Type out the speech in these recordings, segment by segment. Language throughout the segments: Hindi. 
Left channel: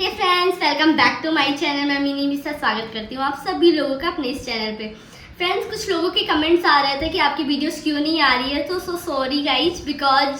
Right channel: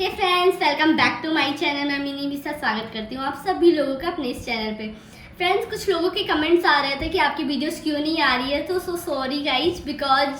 Hey friends, welcome back to my channel. मैं मीनी मिश्रा स्वागत करती हूँ आप सभी लोगों का अपने इस चैनल पे। फ्रेंड्स, कुछ लोगों के कमेंट्स आ रहे थे कि आपकी वीडियोस क्यों नहीं आ रही है, तो सो सॉरी गाइज, बिकॉज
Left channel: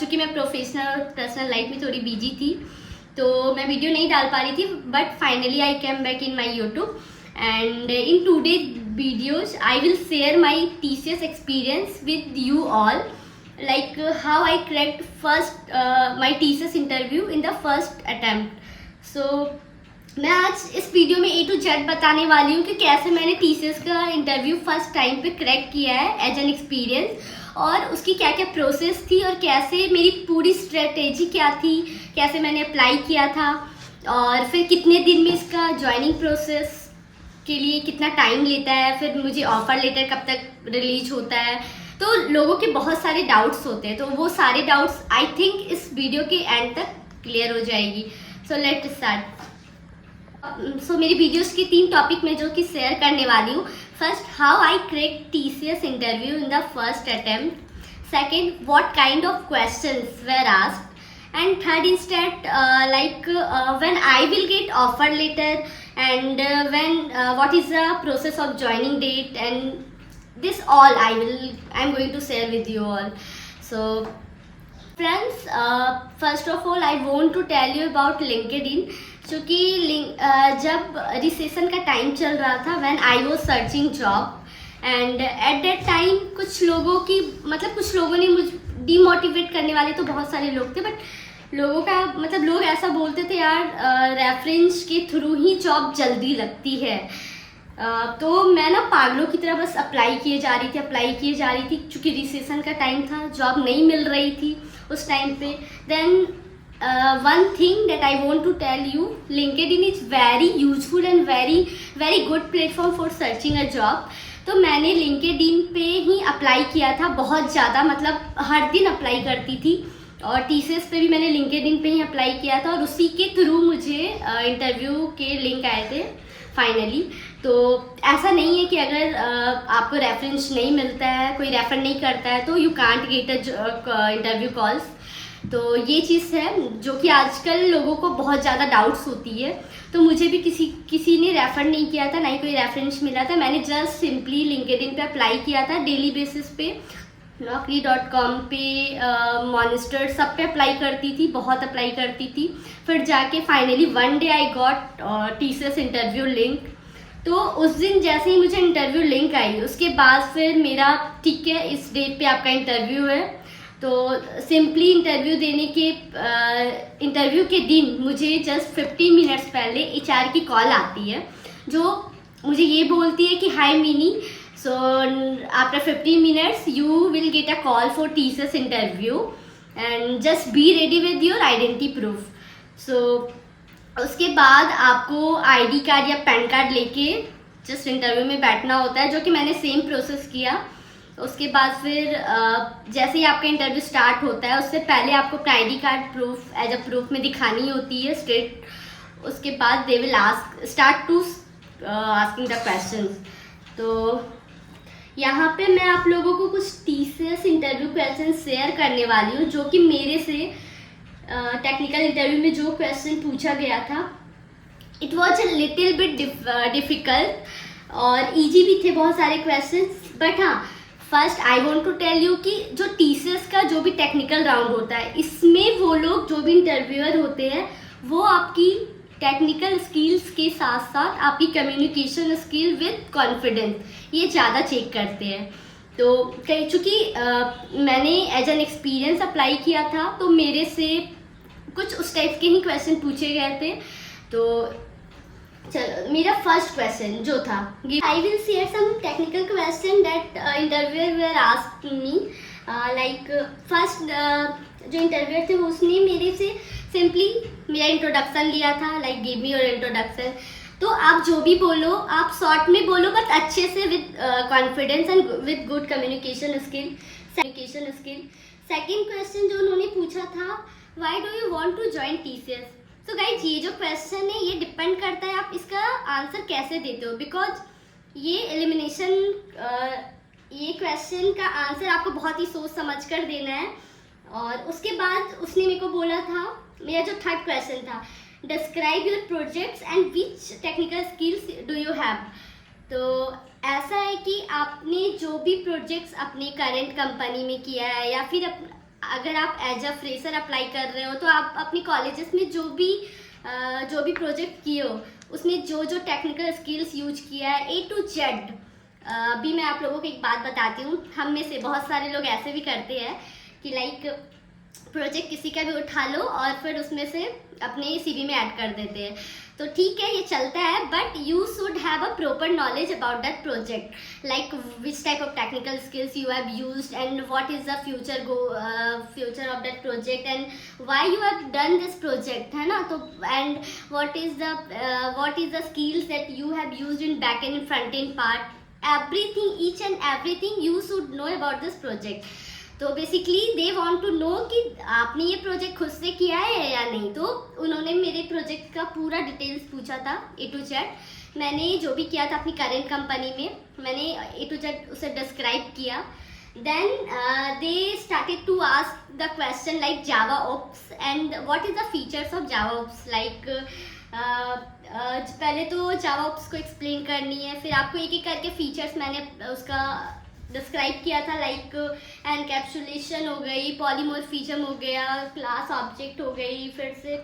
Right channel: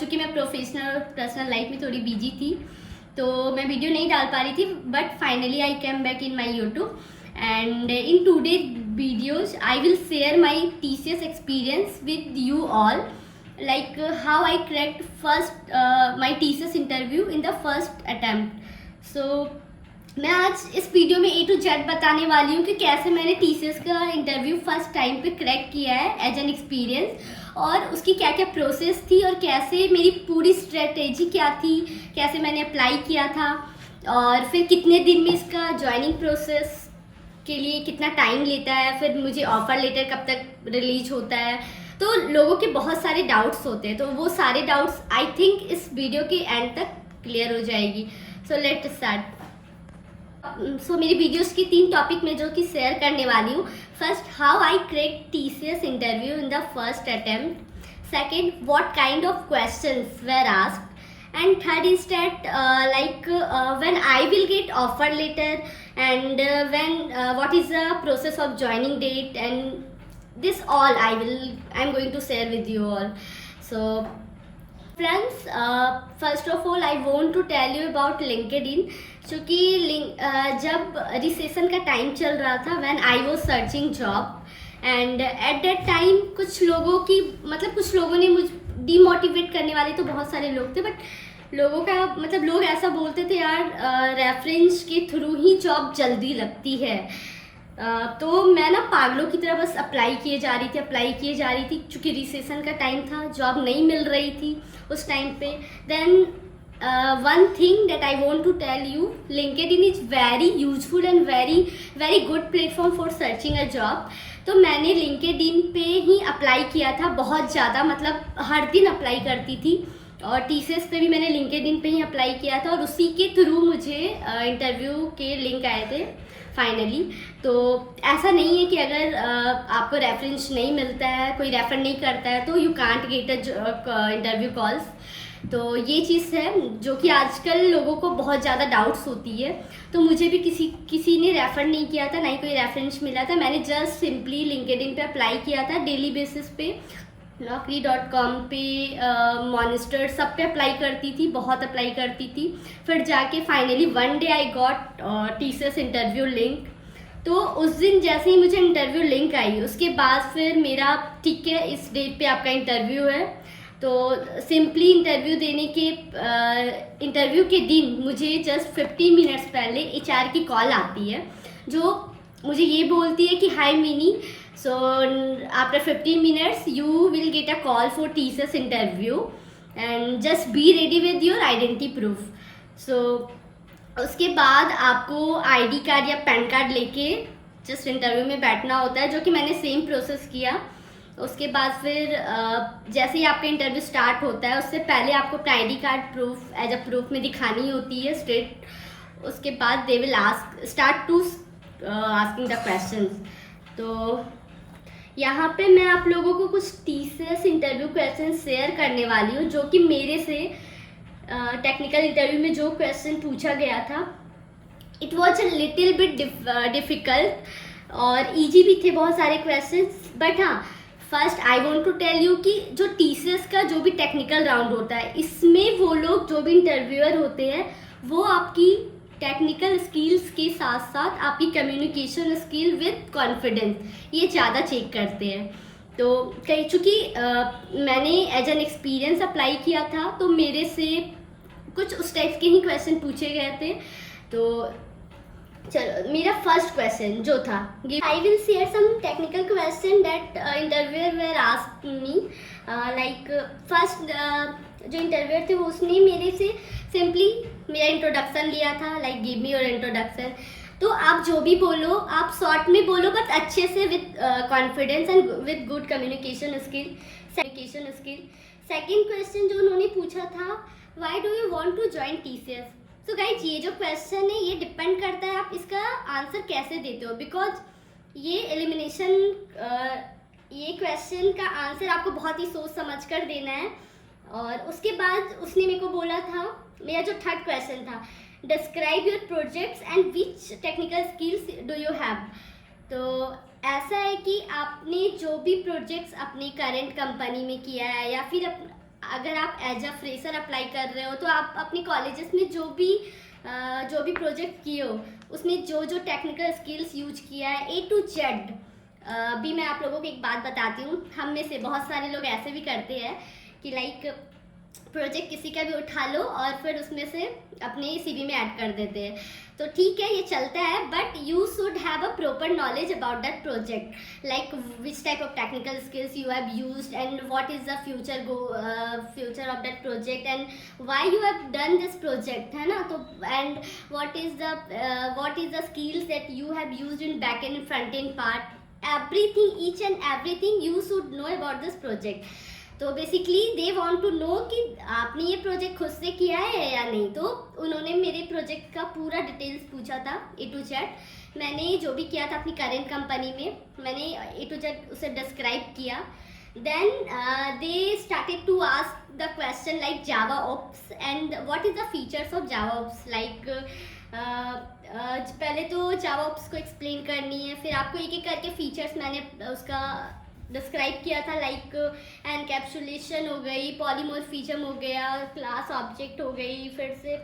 चूँकि मैं प्रोफेशनल और पर्सनल लाइफ में थोड़ी बिजी थी तो मैं वीडियो नहीं डाल पा रही थी। But finally I came back in my YouTube and in today videos I will share my TCS experience with you all, like how I cracked first my TCS interview in the first attempt. So मैं आज इस वीडियो में A to Z बताने वाली हूँ कि कैसे मैंने TCS का इंटरव्यू फर्स्ट टाइम पे क्रैक किया है एज एन एक्सपीरियंस, और उसकी क्या क्या प्रोसेस थी और कैसे मेरी पूरी स्ट्रेटेजी क्या थी, कैसे मैंने अप्लाई किया था, और फिर कितने दिन में इसका ज्वाइनिंग प्रोसेस के लिए कितना टाइम लेता है, फिर मुझे ऑफर लेटर कब तक रिलीज होता है। तो लोगों के बहुत सारे डाउट्स होते हैं, तो वो सारे डाउट्स आई थिंक इस वीडियो के एंड तक क्लियर हो जाएगी। So let start. सो मेरी वीडियोस की 3 टॉपिक में जो कि शेयर करने वाली हूँ। First, how I crack TCS interview in the first attempt. Second, what kind of questions were asked, and third is that when I will get offer letter, and what is the process of joining date, and this all I'm going to share with you all. So friends, first of all I want to tell you about LinkedIn, क्योंकि जब रिसेशन का टाइम चल रहा था when I was searching job, and at that time कुछ लोगों ने मुझे डीमोटिवेट करने वाले तो बहुत सारे लोग थे, बट लोग ऐसा बोलते थे यार रेफरेंस के थ्रू ही जॉब जल्दी लगती है। तो मैं ना पागलों की तरह बस अप्लाई किए जा रही थी क्योंकि रिसेशन का टाइम था, जॉब नहीं मिल रही थी उस टाइम पे। Then one thing that I want to tell you, LinkedIn is very useful and very good platform for searching a job. तो मैंने LinkedIn पे ही अप्लाई किया था बहुत ज़्यादा, मतलब हर दिन अप्लाई करती थी, और TCS पे भी मैंने LinkedIn पे ही अप्लाई किया था, और उसी के थ्रू मुझे इंटरव्यू के लिंक आए थे फाइनली। तो ऐसा नहीं है कि अगर आपको रेफरेंस नहीं मिलता है, कोई रेफर नहीं करता है, तो you can't get a interview calls. तो ये चीज़ है जो कि आजकल लोगों को बहुत ज़्यादा डाउट्स होती है। तो मुझे भी किसी ने रेफ़र नहीं किया था, ना ही कोई रेफरेंस मिला था। मैंने जस्ट सिंपली LinkedIn पे अप्लाई किया था डेली बेसिस पे, naukri.com पे, मॉनिस्टर, सब पे अप्लाई करती थी, बहुत अप्लाई करती थी। फिर जाके finally one day I got TCS interview link. तो उस दिन जैसे ही मुझे इंटरव्यू लिंक आई, उसके बाद फिर मेरा ठीक है इस डेट पे आपका इंटरव्यू है। तो सिंपली इंटरव्यू के दिन मुझे जस्ट 15 मिनट्स पहले HR की कॉल आती है, जो मुझे ये बोलती है कि hi Mini, so after 15 minutes you will get a call for TCS interview and just be ready with your identity proof. So उसके बाद आपको ID कार्ड या पैन कार्ड लेके जस्ट इंटरव्यू में बैठना होता है, जो कि मैंने सेम प्रोसेस किया। उसके बाद फिर जैसे ही आपका इंटरव्यू स्टार्ट होता है, उससे पहले आपको अपना ID card proof as a proof में दिखानी होती है स्ट्रेट। उसके बाद they will start to asking the questions. तो यहाँ पे मैं आप लोगों को कुछ TCS इंटरव्यू क्वेश्चन शेयर करने वाली हूँ, जो कि मेरे से टेक्निकल इंटरव्यू में जो क्वेश्चन पूछा गया था, it was a little bit difficult और ईजी भी थे बहुत सारे क्वेश्चंस। बट हाँ, first I want to tell you कि जो TCS का जो भी टेक्निकल राउंड होता है, इसमें वो लोग जो भी इंटरव्यूअर होते हैं, वो आपकी टेक्निकल स्किल्स के साथ साथ आपकी कम्युनिकेशन स्किल विद कॉन्फिडेंस ये ज़्यादा चेक करते हैं। तो चूँकि मैंने एज एन एक्सपीरियंस अप्लाई किया था, तो मेरे से कुछ उस टाइप के ही क्वेश्चन पूछे गए थे। तो चलो, मेरा फर्स्ट क्वेश्चन जो था, I will share some technical question that interviewer were asked me. Like first जो इंटरव्यूअर थे वो उसने मेरे से सिंपली मेरा इंट्रोडक्शन लिया था, like give me your introduction. तो आप जो भी बोलो, आप शॉर्ट में बोलो, बट अच्छे से with confidence and with good communication skill. Second question जो उन्होंने पूछा था, why do you want to join TCS। तो गाइज, ये जो क्वेश्चन है ये डिपेंड करता है आप इसका आंसर कैसे देते हो, बिकॉज ये क्वेश्चन का आंसर आपको बहुत ही सोच समझ कर देना है। और उसके बाद उसने मेरे को बोला था, मेरा जो थर्ड क्वेश्चन था, describe your projects and which technical skills do you have. तो ऐसा है कि आपने जो भी प्रोजेक्ट्स अपनी करेंट कंपनी में किया है या फिर अगर आप एज अ फ्रेशर अप्लाई कर रहे हो तो आप अपनी कॉलेजेस में जो भी प्रोजेक्ट किए हो उसमें जो जो टेक्निकल स्किल्स यूज किया है A to Z। अभी मैं आप लोगों को एक बात बताती हूँ, हम में से बहुत सारे लोग ऐसे भी करते हैं कि लाइक प्रोजेक्ट किसी का भी उठा लो और फिर उसमें से अपने सीवी में ऐड कर देते हैं। तो ठीक है, ये चलता है, but you should have a proper knowledge about that project, like which type of technical skills you have used and what is the future of that project and why you have done this project, है ना। तो and what is the skills that you have used in back and front end part, everything, each and everything you should know about this project. तो basically they want to know कि आपने ये प्रोजेक्ट खुद से किया है या नहीं। तो उन्होंने मेरे प्रोजेक्ट का पूरा डिटेल्स पूछा था A to Z। मैंने जो भी किया था अपनी करेंट कंपनी में मैंने A to Z उसे डिस्क्राइब किया। Then they started to ask the question like Java OOPs and what is the features of Java OOPs. Like पहले तो जावा ओप्स को एक्सप्लेन करनी है, फिर आपको एक एक करके फीचर्स मैंने उसका डिस्क्राइब किया था, लाइक एनकैप्सुलेशन हो गई, पॉलीमॉर्फिज्म हो गया, क्लास ऑब्जेक्ट हो गई, फिर से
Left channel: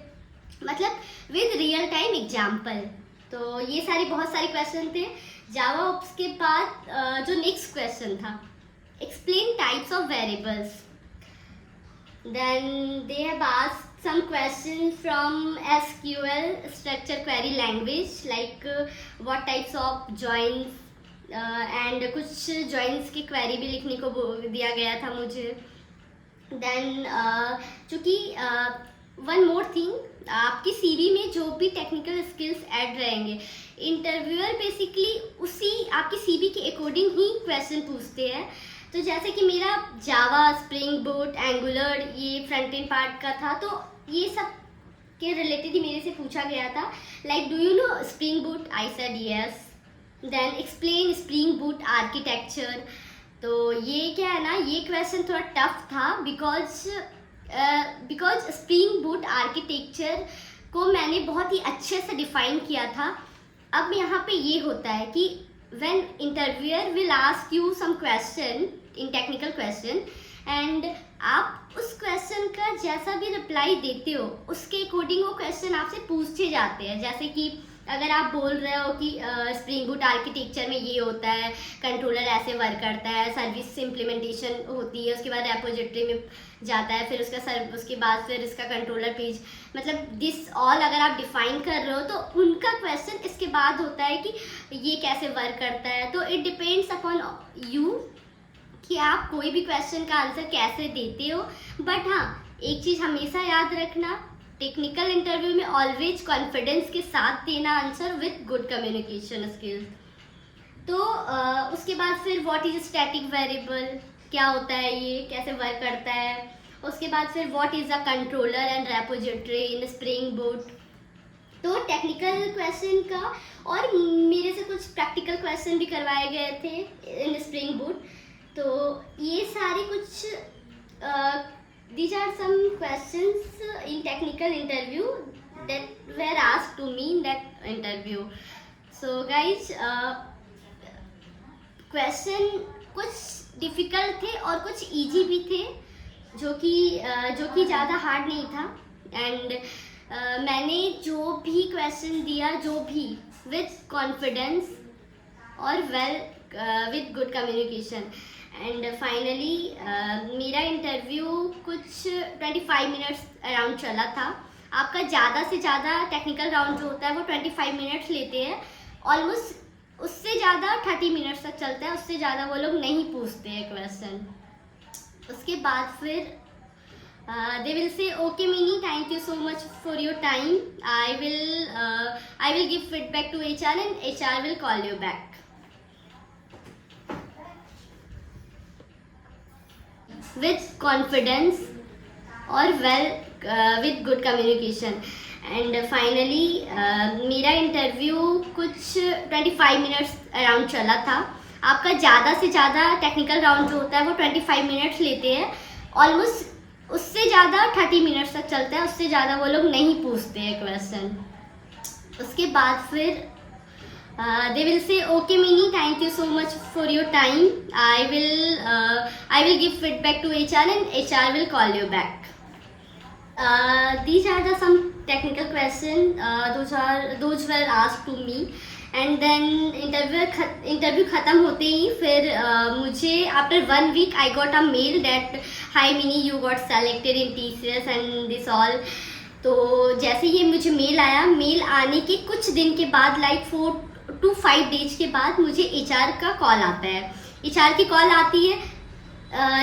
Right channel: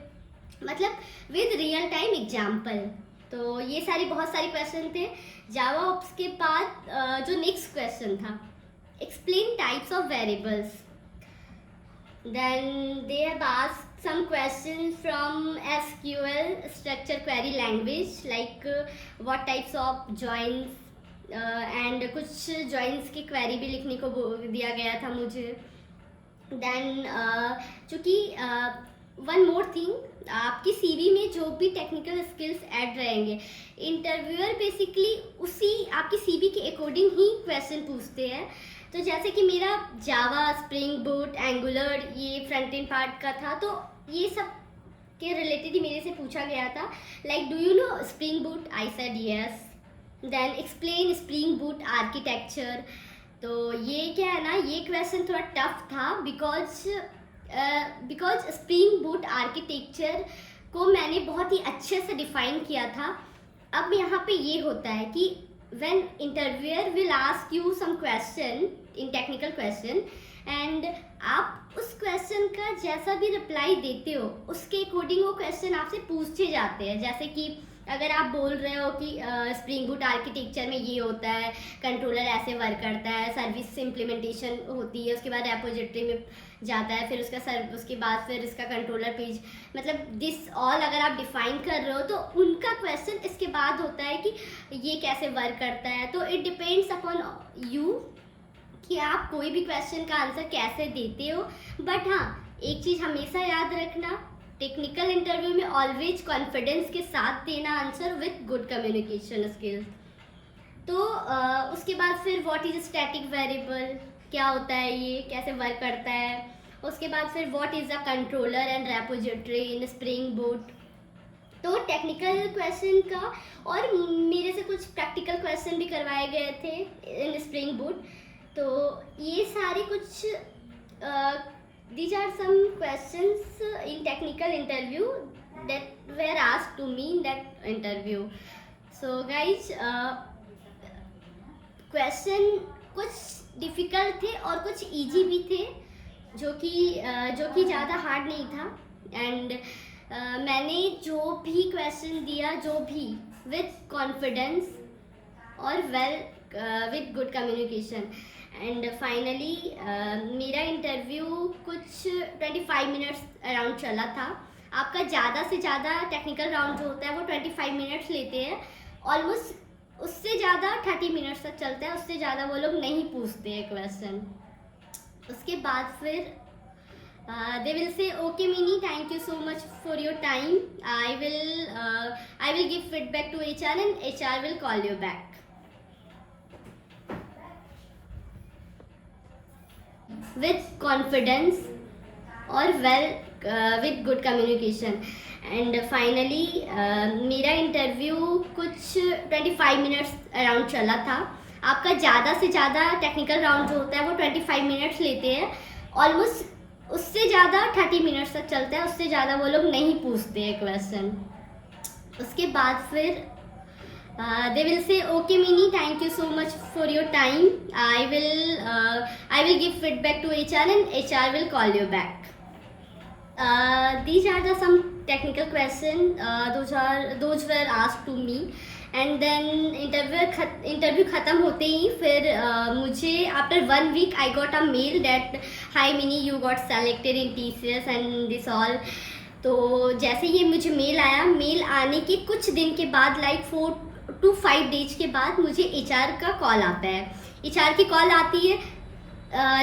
मतलब विद रियल टाइम एग्जाम्पल। तो ये बहुत सारे क्वेश्चन थे जावा ओप्स के बाद। जो नेक्स्ट क्वेश्चन था, explain types of variables. Then they have asked some questions from SQL structure query language, like what types of joins and कुछ जॉइंट्स की क्वेरी भी लिखने को दिया गया था मुझे। देन चूँकि वन मोर थिंग, आपकी सीवी में जो भी टेक्निकल स्किल्स ऐड रहेंगे, इंटरव्यूअर बेसिकली उसी आपकी सीवी के अकॉर्डिंग ही क्वेश्चन पूछते हैं। तो जैसे कि मेरा जावा, स्प्रिंग बूट, एंगुलर, ये फ्रंट एंड पार्ट का था, तो ये सब के रिलेटेड ही मेरे से पूछा गया था, like do you know Spring Boot, I said yes. Then explain Spring Boot architecture. तो ये क्या है ना, ये क्वेश्चन थोड़ा टफ था बिकॉज स्प्रिंग बूट आर्किटेक्चर को मैंने बहुत ही अच्छे से डिफाइन किया था। अब यहाँ पे ये होता है कि when interviewer will ask you some question in technical question and आप उस क्वेश्चन का जैसा भी रिप्लाई देते हो उसके अकॉर्डिंग वो क्वेश्चन आपसे पूछे जाते हैं। जैसे कि अगर आप बोल रहे हो कि स्प्रिंग बूट आर्किटेक्चर में ये होता है, कंट्रोलर ऐसे वर्क करता है, सर्विस इम्प्लीमेंटेशन होती है, उसके बाद रेपोजिटरी में जाता है, फिर उसके बाद फिर इसका कंट्रोलर पेज, मतलब दिस ऑल अगर आप डिफाइन कर रहे हो तो उनका क्वेश्चन इसके बाद होता है कि ये कैसे वर्क करता है। तो इट डिपेंड्स अपॉन यू कि आप कोई भी क्वेश्चन का आंसर कैसे देते हो। बट हाँ, एक चीज़ हमेशा याद रखना, टेक्निकल इंटरव्यू में ऑलवेज कॉन्फिडेंस के साथ देना answer with good communication skills. तो उसके बाद फिर व्हाट इज स्टैटिक वेरिएबल, क्या होता है ये, कैसे वर्क करता है। उसके बाद फिर what is a controller and repository in spring boot. तो टेक्निकल क्वेश्चन का और मेरे से कुछ प्रैक्टिकल क्वेश्चन भी करवाए गए थे इन स्प्रिंग बूट। तो ये सारे कुछ these are some questions in technical interview that were asked to me in that interview. So guys, question कुछ डिफ़िकल्ट थे और कुछ इजी भी थे, जो कि ज़्यादा हार्ड नहीं था। एंड मैंने जो भी क्वेश्चन दिया, जो भी विद कॉन्फिडेंस और with good communication. And finally मेरा इंटरव्यू कुछ 25 मिनट्स अराउंड चला था। आपका ज़्यादा से ज़्यादा टेक्निकल राउंड जो होता है वो 25 मिनट्स लेते हैं, ऑलमोस्ट उससे ज़्यादा 30 मिनट्स तक चलता है, उससे ज़्यादा वो लोग नहीं पूछते हैं क्वेश्चन। उसके बाद फिर they will say okay Mini, thank you so much for your time, I will give feedback to HR and HR will call you back with confidence और with good communication। And finally मेरा इंटरव्यू कुछ 25 मिनट्स अराउंड चला था। आपका ज़्यादा से ज़्यादा टेक्निकल राउंड जो होता है वो 25 मिनट्स लेते हैं, ऑलमोस्ट उससे ज़्यादा 30 मिनट्स तक चलता है, उससे ज़्यादा वो लोग नहीं पूछते हैं क्वेश्चन। उसके बाद फिर they will say, okay Mini, thank you so much for your time. I will give feedback to HR and HR will call you back. These are the some technical questions. Those were asked to me. And then interview खत्म होते ही फिर मुझे after 1 week I got a mail that hi Mini, you got selected in TCS and this all. तो जैसे ही मुझे मेल आया, मेल आने के कुछ दिन के बाद लाइक 4 to 5 डेज के बाद मुझे HR का कॉल आता है। HR की कॉल आती है।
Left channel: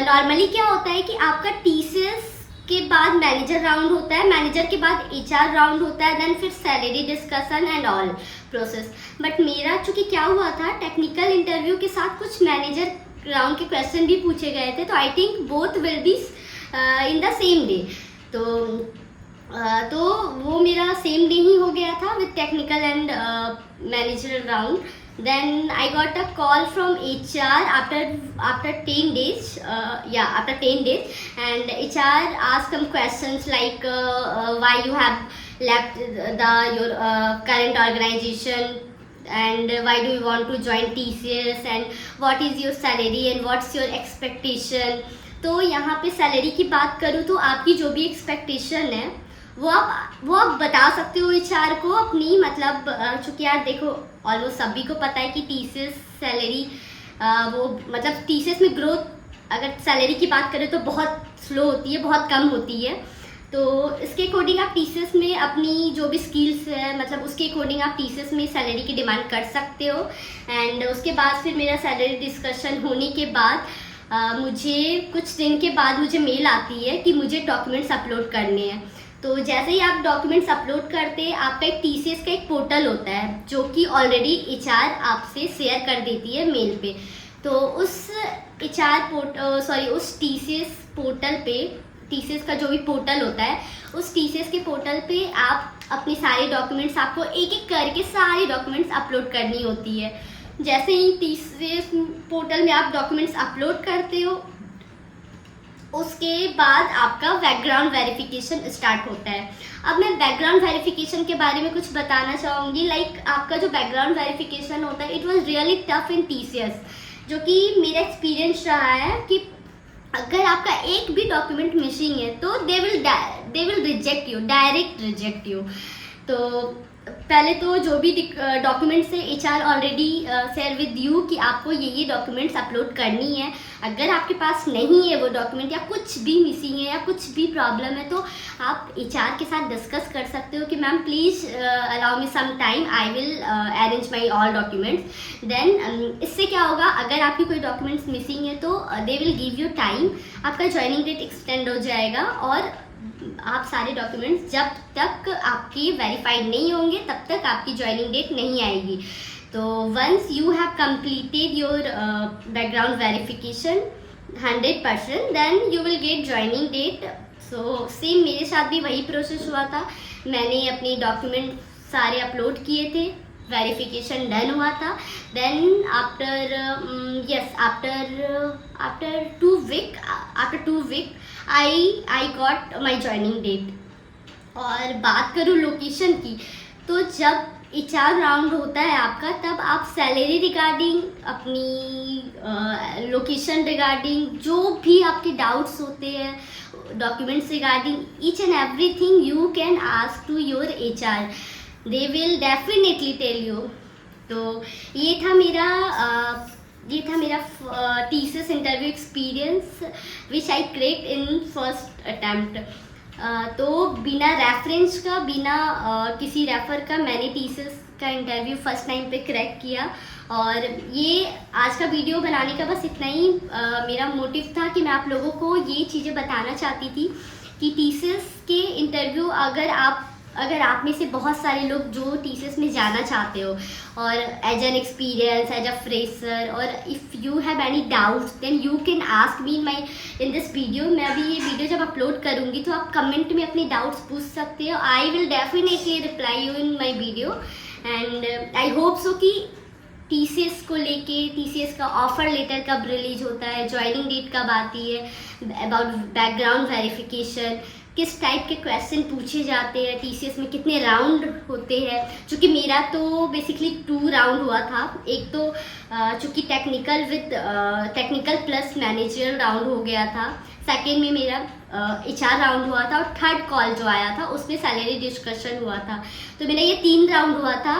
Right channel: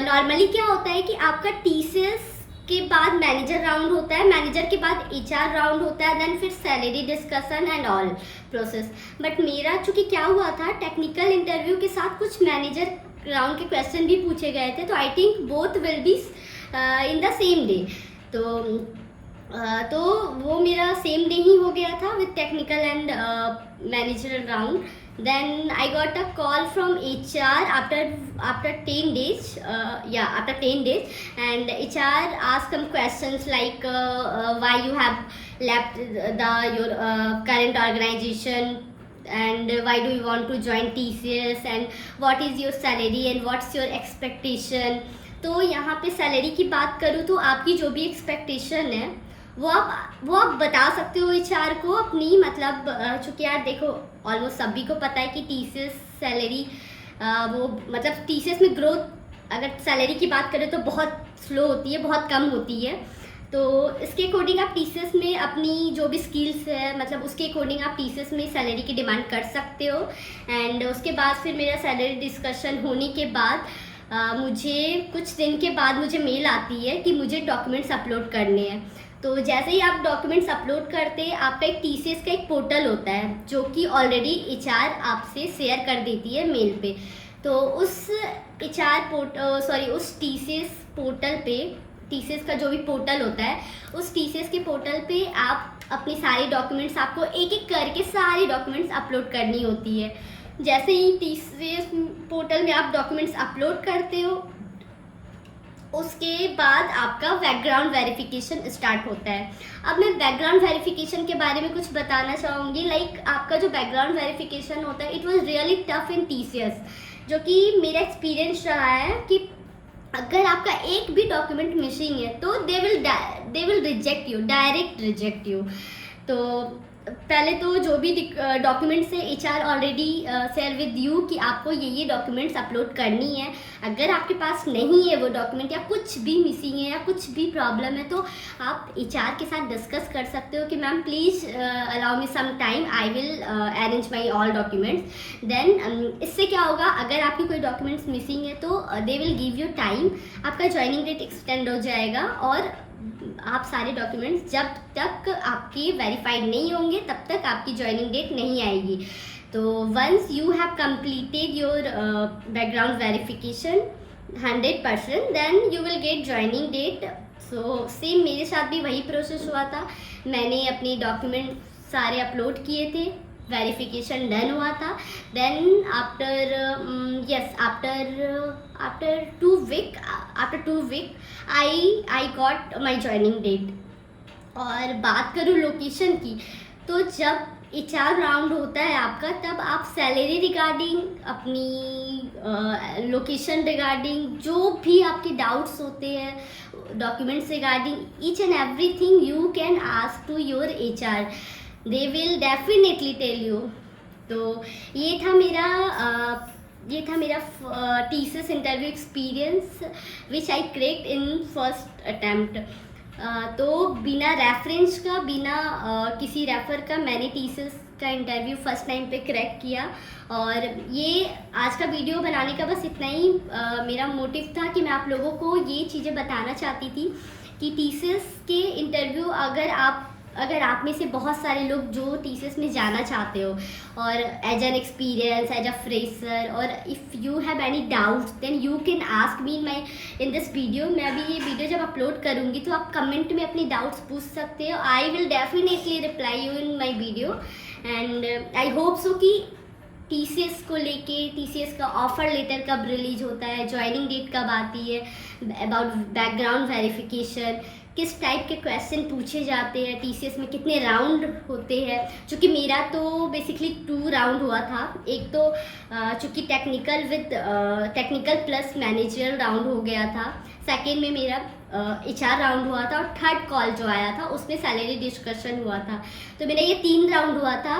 नॉर्मली क्या होता है कि आपका TCS के बाद मैनेजर राउंड होता है, मैनेजर के बाद HR राउंड होता है, देन फिर salary discussion and all process. But मेरा चूँकि क्या हुआ था, टेक्निकल इंटरव्यू के साथ कुछ मैनेजर राउंड के क्वेश्चन भी पूछे गए थे, तो I think both will be in the same day. तो वो मेरा सेम डे ही हो गया था with technical and manager round. Then I got a call from HR after 10 days. After 10 days, and HR asked some questions like why you have left your current organization, and why do you want to join TCS, and what is your salary and what's your expectation. तो यहाँ पे सैलरी की बात करूँ तो आपकी जो भी एक्सपेक्टेशन है वो आप बता सकते हो HR को अपनी, मतलब चूँकि यार देखो ऑलमोस्ट सभी को पता है कि TCS सैलरी वो मतलब TCS में ग्रोथ अगर सैलरी की बात करें तो बहुत स्लो होती है, बहुत कम होती है। तो इसके अकॉर्डिंग आप TCS में अपनी जो भी स्किल्स है मतलब उसके अकॉर्डिंग आप TCS में सैलरी की डिमांड कर सकते हो। एंड उसके बाद फिर मेरा सैलरी डिस्कशन होने के बाद मुझे कुछ दिन के बाद मुझे मेल आती है कि मुझे डॉक्यूमेंट्स अपलोड करने हैं। तो जैसे ही आप डॉक्यूमेंट्स अपलोड करते हैं, आपका एक TCS का एक पोर्टल होता है जो कि ऑलरेडी HR आपसे शेयर कर देती है मेल पे। तो उस उस TCS पोर्टल पे, TCS का जो भी पोर्टल होता है उस TCS के पोर्टल पे आप अपने सारे डॉक्यूमेंट्स, आपको एक एक करके सारे डॉक्यूमेंट्स अपलोड करनी होती है। जैसे ही TCS पोर्टल में आप डॉक्यूमेंट्स अपलोड करते हो उसके बाद आपका बैकग्राउंड वेरिफिकेशन स्टार्ट होता है। अब मैं बैकग्राउंड वेरिफिकेशन के बारे में कुछ बताना चाहूँगी। लाइक आपका जो बैकग्राउंड वेरिफिकेशन होता है it was really tough in TCS, जो कि मेरा एक्सपीरियंस रहा है कि अगर आपका एक भी डॉक्यूमेंट मिसिंग है तो they will reject you, direct reject you. तो पहले तो जो भी डॉक्यूमेंट्स है HR already share with you कि आपको ये डॉक्यूमेंट्स अपलोड करनी है। अगर आपके पास नहीं है वो डॉक्यूमेंट या कुछ भी मिसिंग है या कुछ भी प्रॉब्लम है तो आप HR के साथ डिस्कस कर सकते हो कि ma'am please allow me some time, I will arrange my all documents. Then इससे क्या होगा, अगर आपकी कोई डॉक्यूमेंट्स मिसिंग है तो they will give you time, आपका ज्वाइनिंग डेट एक्सटेंड हो जाएगा और आप सारे डॉक्यूमेंट्स जब तक आपकी वेरीफाइड नहीं होंगे तब तक आपकी ज्वाइनिंग डेट नहीं आएगी। तो once you have completed your background verification 100% then you will get joining date. So same मेरे साथ भी वही प्रोसेस हुआ था। मैंने अपने डॉक्यूमेंट सारे अपलोड किए थे, वेरिफिकेशन डन हुआ था। Then after 2 week I got my joining date. और बात करूँ लोकेशन की, तो जब HR राउंड होता है आपका तब आप सैलरी रिगार्डिंग, अपनी लोकेशन रिगार्डिंग, जो भी आपके डाउट्स होते हैं documents regarding, each and everything you can ask to your HR, they will definitely tell you. तो ये था मेरा TCS interview experience which I cracked in first attempt. तो बिना रेफरेंस का, बिना किसी रेफर का मैंने TCS का इंटरव्यू फर्स्ट टाइम पे क्रैक किया। और ये आज का वीडियो बनाने का बस इतना ही मेरा मोटिव था कि मैं आप लोगों को ये चीज़ें बताना चाहती थी कि TCS के इंटरव्यू अगर आप में से बहुत सारे लोग जो TCS में जाना चाहते हो और as an experience, as a fresher, और if you have any doubts then you can ask me in this video. मैं अभी ये वीडियो जब अपलोड करूँगी तो आप कमेंट में अपने डाउट्स पूछ सकते हो। I will definitely reply you in my video and I hope so कि TCS को लेके, TCS का ऑफ़र लेटर कब रिलीज होता है, ज्वाइनिंग डेट कब आती है, अबाउट बैकग्राउंड वेरिफिकेशन, किस टाइप के क्वेश्चन पूछे जाते हैं, TCS में कितने राउंड होते हैं। चूँकि मेरा तो बेसिकली 2 राउंड हुआ था। एक तो चूँकि टेक्निकल प्लस मैनेजर राउंड हो गया था, सेकेंड में मेरा HR राउंड हुआ था, और थर्ड कॉल जो आया था उसमें सैलरी डिस्कशन हुआ था। तो मेरा ये 3 राउंड हुआ था।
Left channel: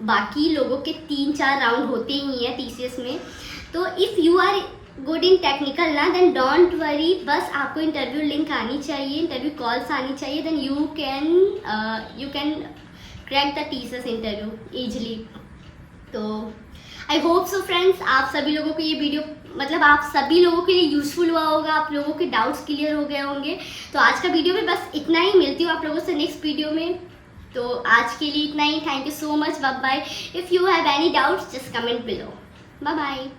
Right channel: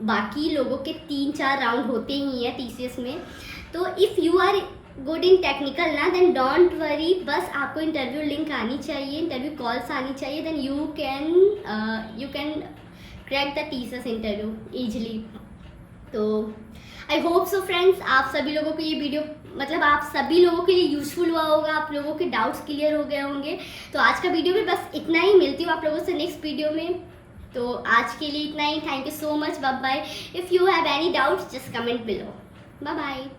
बाकी लोगों के 3-4 राउंड होते ही हैं TCS में। तो if you are good in technical ना, देन डोंट वरी, बस आपको इंटरव्यू लिंक आनी चाहिए, इंटरव्यू कॉल्स आनी चाहिए, then you can crack the TCS interview easily. तो आई होप सो फ्रेंड्स, आप सभी लोगों को ये वीडियो आप सभी लोगों के लिए यूजफुल हुआ होगा, आप लोगों के डाउट्स क्लियर हो गए होंगे। तो आज का वीडियो में बस इतना ही, मिलती हूँ आप लोगों से नेक्स्ट वीडियो में। तो आज के लिए इतना ही। Thank you so much, bye bye. If you have any doubts just comment below. Bye bye.